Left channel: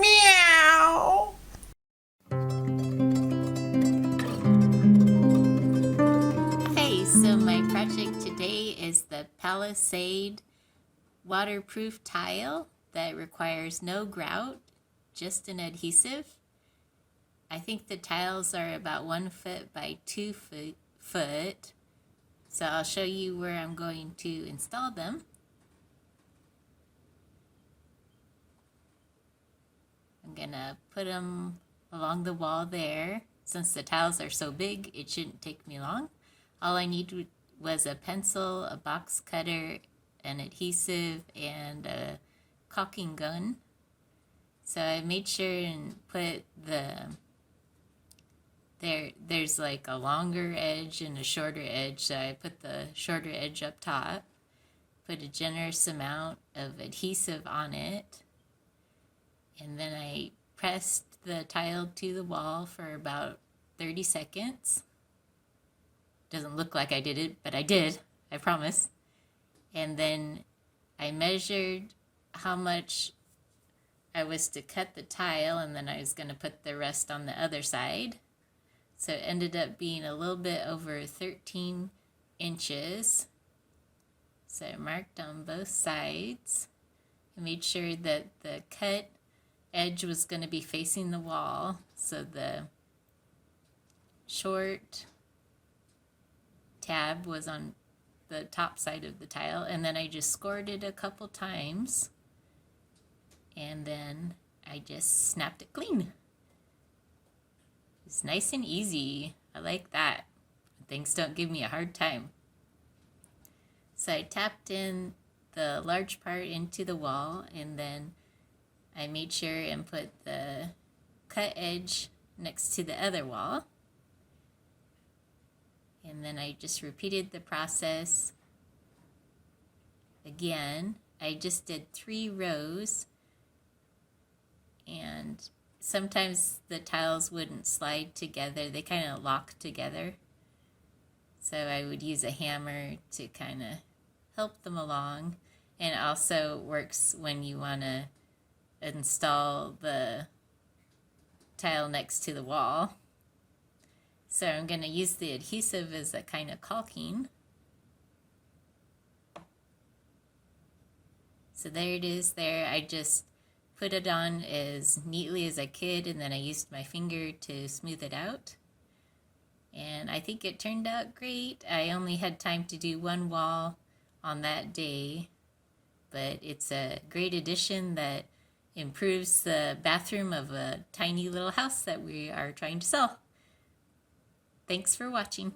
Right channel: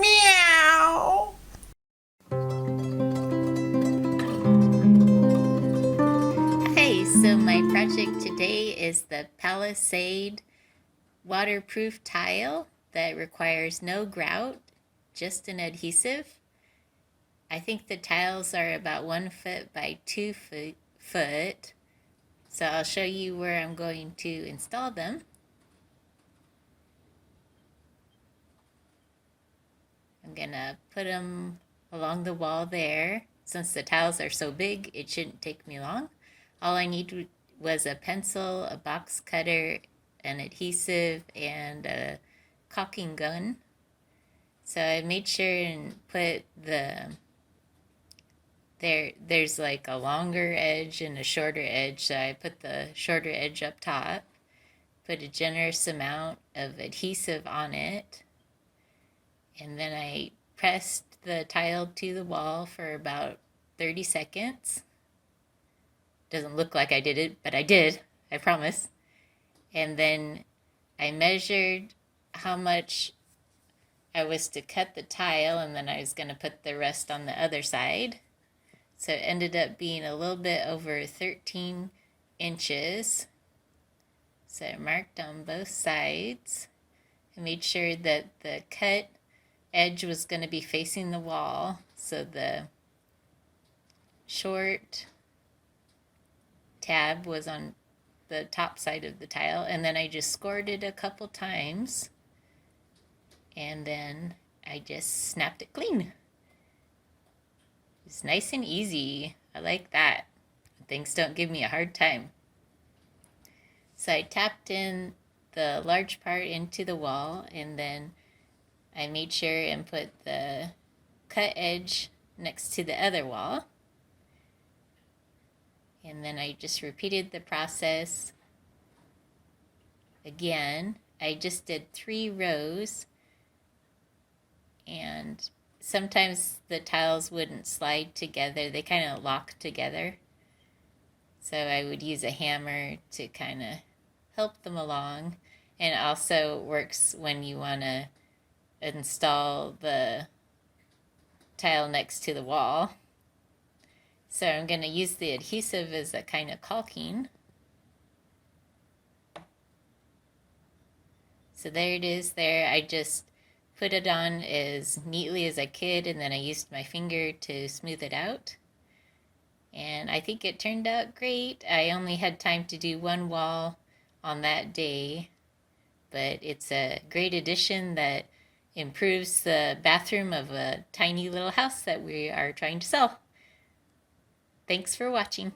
Meow. Hey, so my project today is the Palisade waterproof tile that requires no grout, just an adhesive. I think the tiles are about 1 foot by 2 foot. So I'll show you where I'm going to install them. I'm gonna put them along the wall there. Since the tiles are so big, it shouldn't take me long. All I need was a pencil, a box cutter, an adhesive, and a caulking gun. So I made sure and put there's like a longer edge and a shorter edge. So I put the shorter edge up top, put a generous amount of adhesive on it, and then I pressed the tile to the wall for about 30 seconds. Doesn't look like I did it, but I did, I promise. And then I measured how much I was to cut the tile, and then I was going to put the rest on the other side. So it ended up being a little bit over 13 inches. So I marked on both sides. I made sure that the cut edge was going to be facing the wall, so the short tab was on the top side of the tile, and then I just scored it a couple times, and then I just snapped it clean. It's nice and easy. I like that. Things don't give me a hard time. So I tapped in the large part into the wall, and then I made sure and put the cut edge next to the other wall. And then I just repeated the process again. I just did 3 rows, and sometimes the tiles wouldn't slide together. They kind of lock together. So I would use a hammer to kind of help them along. And it also works when you want to install the tile next to the wall. So I'm going to use the adhesive as a kind of caulking. So there it is there. I just put it on as neatly as I could, and then I used my finger to smooth it out. And I think it turned out great. I only had time to do one wall on that day, but it's a great addition that improves the bathroom of a tiny little house that we are trying to sell. Thanks for watching.